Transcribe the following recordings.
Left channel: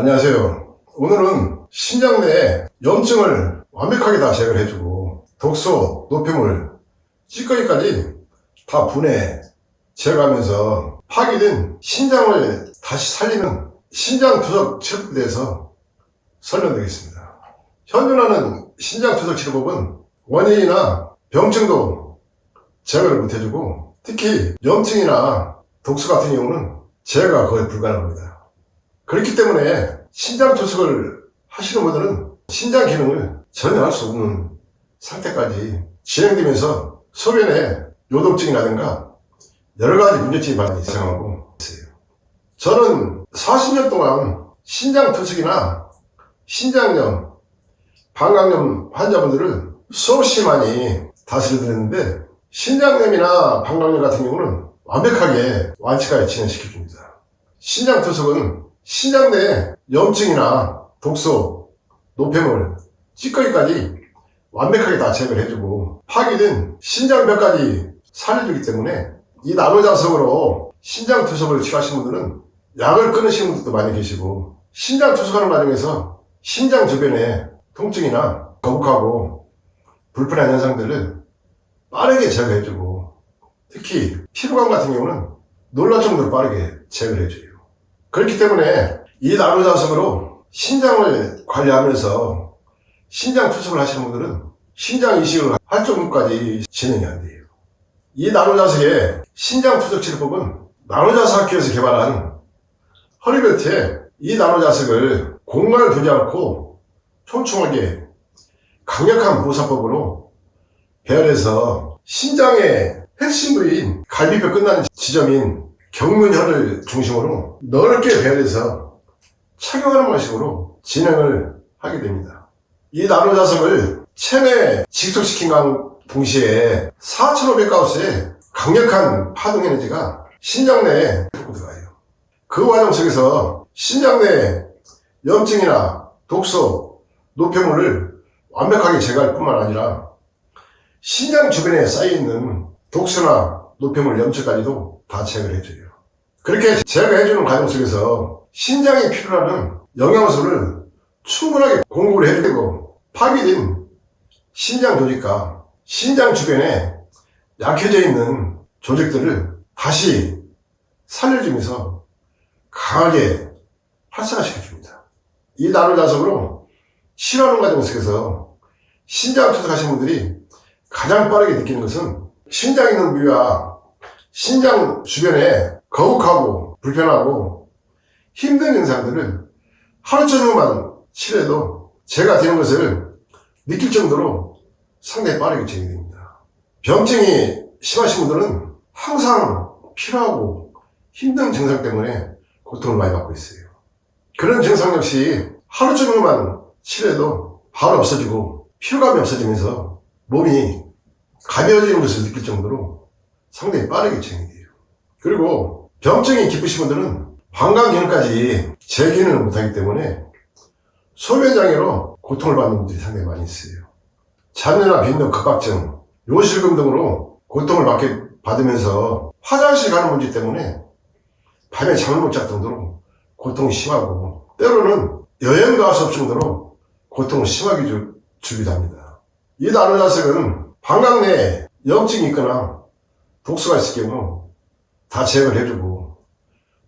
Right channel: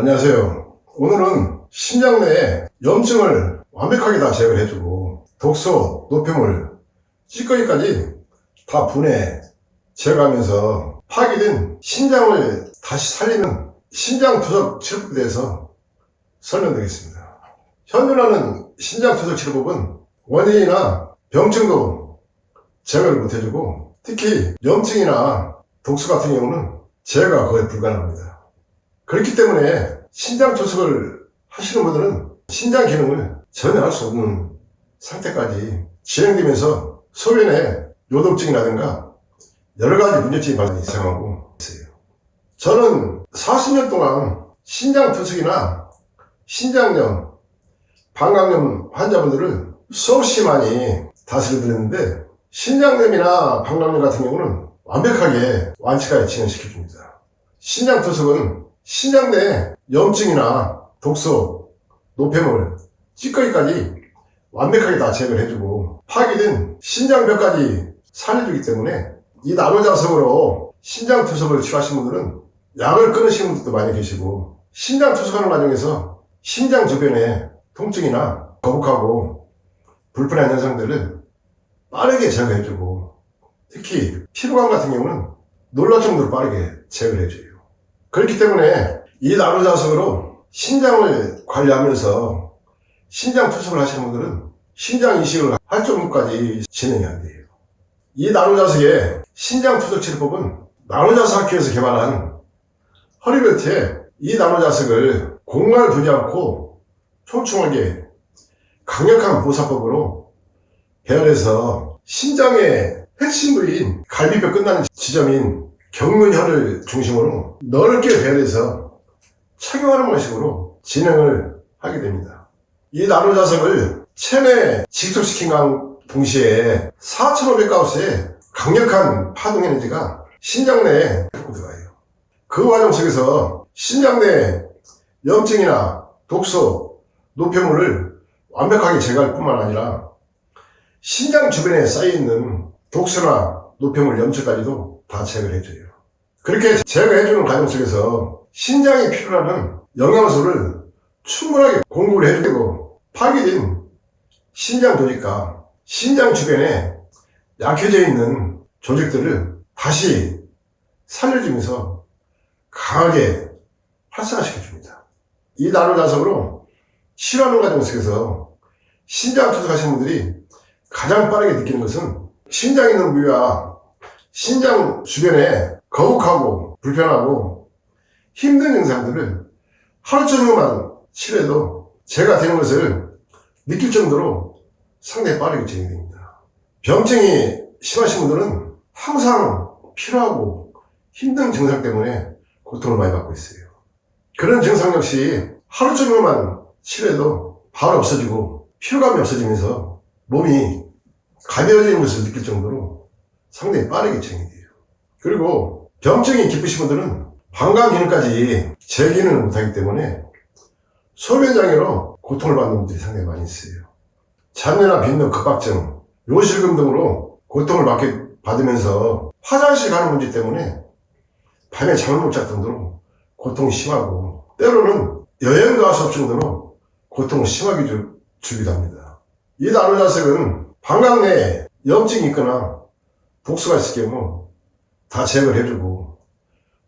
안녕하세요. 오늘은 신장 내 염증을 완벽하게 다 제거를 해주고 독소, 노폐물, 찌꺼기까지 다 분해, 제거하면서 파괴된 신장을 다시 살리는 신장 투석 치료법에 대해서 설명드리겠습니다. 현존하는 신장 투석 치료법은 원인이나 병증도 제거를 못해주고 특히 염증이나 독소 같은 경우는 제거가 거의 불가능합니다. 그렇기 때문에 신장 투석을 하시는 분들은 신장 기능을 전혀 할 수 없는 상태까지 진행되면서 소변에 요독증이라든가 여러가지 문제점이 발생하고 있어요. 저는 40년 동안 신장 투석이나 신장염, 방광염 환자분들을 수없이 많이 다스려드렸는데 신장염이나 방광염 같은 경우는 완벽하게 완치까지 진행시켜줍니다. 신장 투석은 신장 내 염증이나 독소, 노폐물, 찌꺼기까지 완벽하게 다 제거를 해주고 파괴된 신장벽까지 살려주기 때문에 이 나노자석으로 신장 투석을 치료하신 분들은 약을 끊으시는 분들도 많이 계시고 신장 투석하는 과정에서 신장 주변에 통증이나 거북하고 불편한 현상들을 빠르게 제거해주고 특히 피부감 같은 경우는 놀랄 정도로 빠르게 제거를 해줘요. 그렇기 때문에 이 나노자석으로 신장을 관리하면서 신장 투석을 하시는 분들은 신장 이식을 할 정도까지 진행이 안 돼요. 이 나노자석의 신장 투석 치료법은 나노자석 학회에서 개발한 허리벨트에 이 나노자석을 공간을 두지 않고 촘촘하게 강력한 보사법으로 배열해서 신장의 핵심 부위인 갈비뼈 끝나는 지점인 경문혈을 중심으로 넓게 배열해서 착용하는 방식으로 진행을 하게 됩니다. 이 나노자석을 체내에 직속시킨 동시에 4500가우스의 강력한 파동 에너지가 신장 내에 들어가요. 그 과정 속에서 신장 내 염증이나 독소, 노폐물을 완벽하게 제거할 뿐만 아니라 신장 주변에 쌓여있는 독소나 노폐물, 염증까지도 다 제거를 해줘요. 그렇게 제거해주는 과정 속에서 신장이 필요로 하는 영양소를 충분하게 공급을 해주고 파괴된 신장 조직과 신장 주변에 약해져 있는 조직들을 다시 살려주면서 강하게 활성화시켜줍니다. 이 나노자석으로 치료하는 과정 속에서 신장 투석하신 분들이 가장 빠르게 느끼는 것은 신장 있는 부위와 신장 주변에 거북하고 불편하고 힘든 증상들을 하루 종일만 치료해도 제가 되는 것을 느낄 정도로 상당히 빠르게 진행됩니다. 병증이 심하신 분들은 항상 피로하고 힘든 증상 때문에 고통을 많이 받고 있어요. 그런 증상 역시 하루 종일만 치료해도 바로 없어지고 피로감이 없어지면서 몸이 가벼워지는 것을 느낄 정도로 상당히 빠르게 진행돼요. 그리고 병증이 깊으신 분들은 방광 기능까지 재기능을 못하기 때문에 소변장애로 고통을 받는 분들이 상당히 많이 있어요. 잔뇨나 빈뇨, 급박증, 요실금 등으로 고통을 받으면서 화장실 가는 문제 때문에 밤에 잠을 못 잘 정도로 고통이 심하고 때로는 여행도 할 수 없을 정도로 고통을 심하게 주기도 합니다. 이 나노자석은 방광 내에 염증이 있거나 독소가 있을 경우 다 제거를 해주고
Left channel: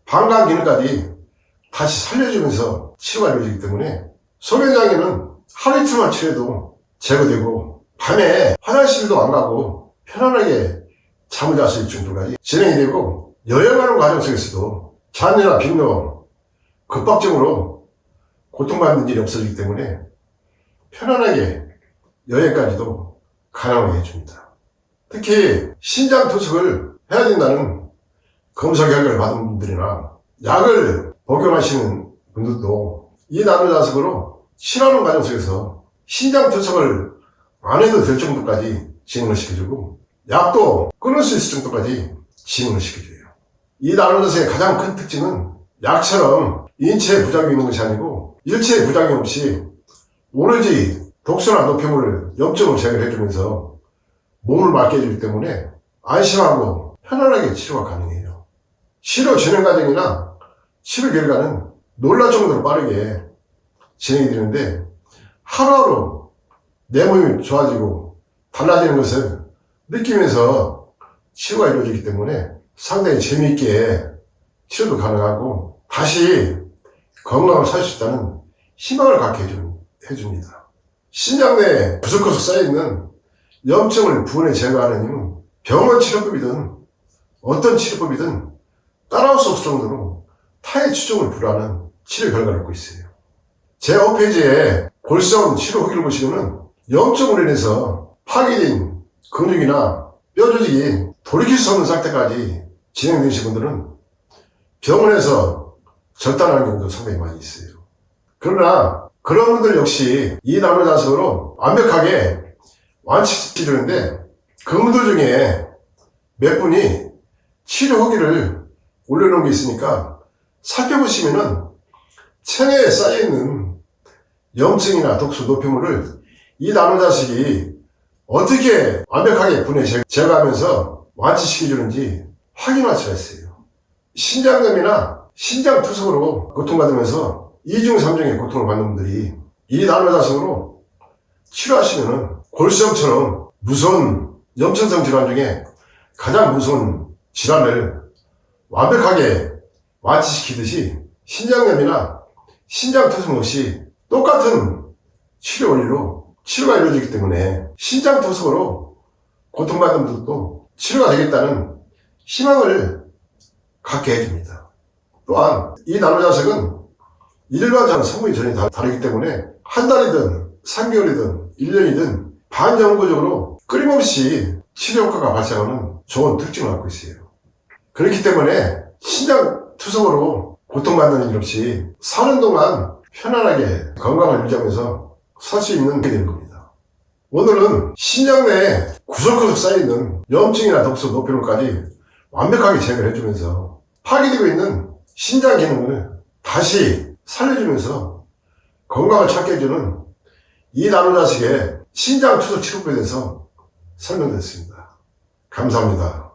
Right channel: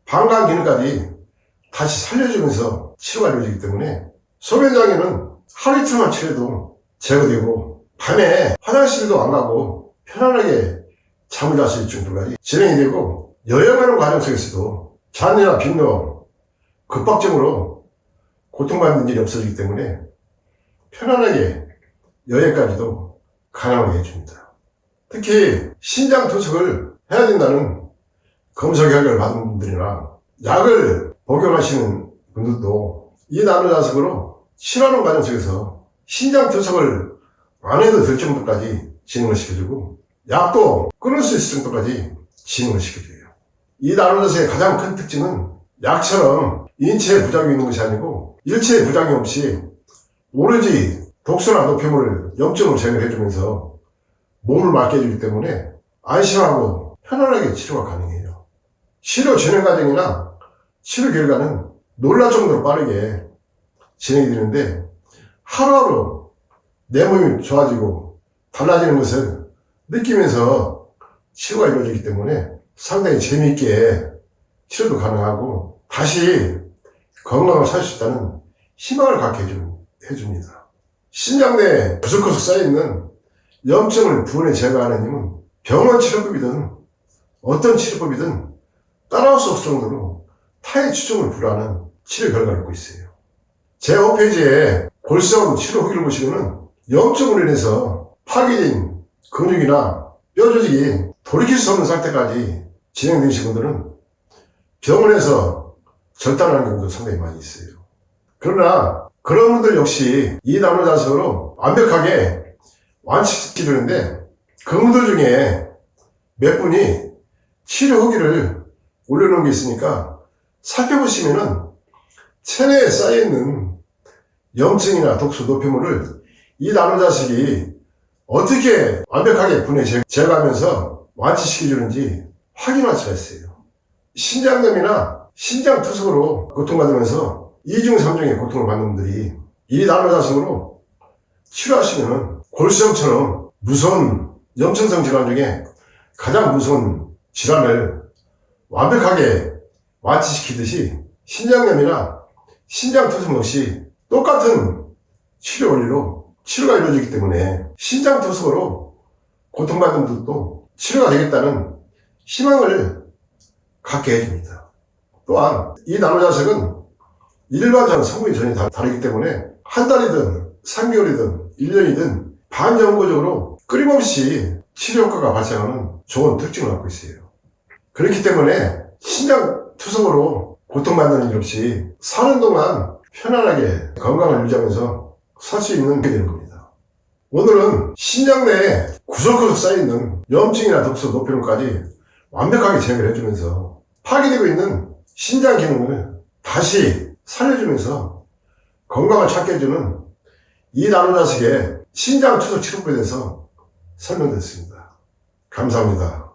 방광 기능까지 다시 살려주면서 치료가 이루어지기 때문에 소변장애는 하루 이틀만 치료해도 제거되고 밤에 화장실도 안 가고 편안하게 잠을 잘 수 있을 정도까지 진행이 되고 여행하는 과정 속에서도 잔뇨나 빈뇨, 급박증으로 고통받는 일이 없어지기 때문에 편안하게 여행까지도 가능하게 해줍니다. 특히 신장 투석을 해야 된다는 검사 결과를 받은 분들이나 약을 복용하시는 분들도 이 나노자석으로 치료하는 과정 속에서 신장 투석을 안 해도 될 정도까지 진행을 시켜주고 약도 끊을 수 있을 정도까지 진행을 시켜줘요. 이 나노자석의 가장 큰 특징은 약처럼 인체에 부작용이 있는 것이 아니고 일체의 부작용 없이 오로지 독소나 노폐물을 염증을 제거를 해주면서 몸을 맑게 해주기 때문에 안심하고 편안하게 치료가 가능해요. 치료 진행 과정이나 치료 결과는 놀랄 정도로 빠르게 진행이 되는데 하루하루 내 몸이 좋아지고 달라지는 것을 느끼면서 치료가 이루어지기 때문에 상당히 재미있게 치료도 가능하고 다시 건강을 살 수 있다는 희망을 갖게 해줍니다. 신장 내에 구석구석 쌓여있는 염증을 분해 제거하는 힘은 병원 치료법이든 어떤 치료법이든 따라올 수 없을 정도로 타의 추종을 불허하는 치료 결과를 갖고 있어요. 제 홈페이지에 골수염 치료 후기를 보시면은 염증으로 인해서 파괴된 근육이나 뼈 조직이 돌이킬 수 없는 상태까지 진행되신 분들은 병원에서 절단하는 경우도 상당히 많이 있어요. 그러나 그런 분들 역시 이 나노자석으로 완벽하게 완치시키려는데 그분들 중에 몇 분이 치료 후기를 올려놓은 게 있으니까 살펴보시면은 체내에 쌓여있는 염증이나 독소, 노폐물을 이 나노자식이 어떻게 완벽하게 분해 제거하면서 완치시켜주는지 확인할 수가 있어요. 신장염이나 신장투석으로 고통받으면서 2중, 3중의 고통을 받는 분들이 이 나노자석으로 치료하시면 골수염처럼 무서운 염증성 질환 중에 가장 무서운 질환을 완벽하게 완치시키듯이 신장염이나 신장투석 역시 똑같은 치료 원리로 치료가 이루어지기 때문에 신장투석으로 고통받는 분들도 치료가 되겠다는 희망을 갖게 해줍니다. 또한 이 나노자석은 일반적인 성분이 전혀 다르기 때문에 한 달이든 3개월이든 1년이든 반영구적으로 끊임없이 치료 효과가 발생하는 좋은 특징을 갖고 있어요. 그렇기 때문에 신장투석으로 고통받는 일 없이 사는 동안 편안하게 건강을 유지하면서 살 수 있는 게 되는 겁니다. 오늘은 신장 내에 구석구석 쌓여있는 염증이나 독소, 노폐물까지 완벽하게 제거를 해주면서 파괴되고 있는 신장 기능을 다시 살려주면서 건강을 찾게 해주는 이 나노자식의 신장 투석 치료법에 대해서 설명드렸습니다. 감사합니다.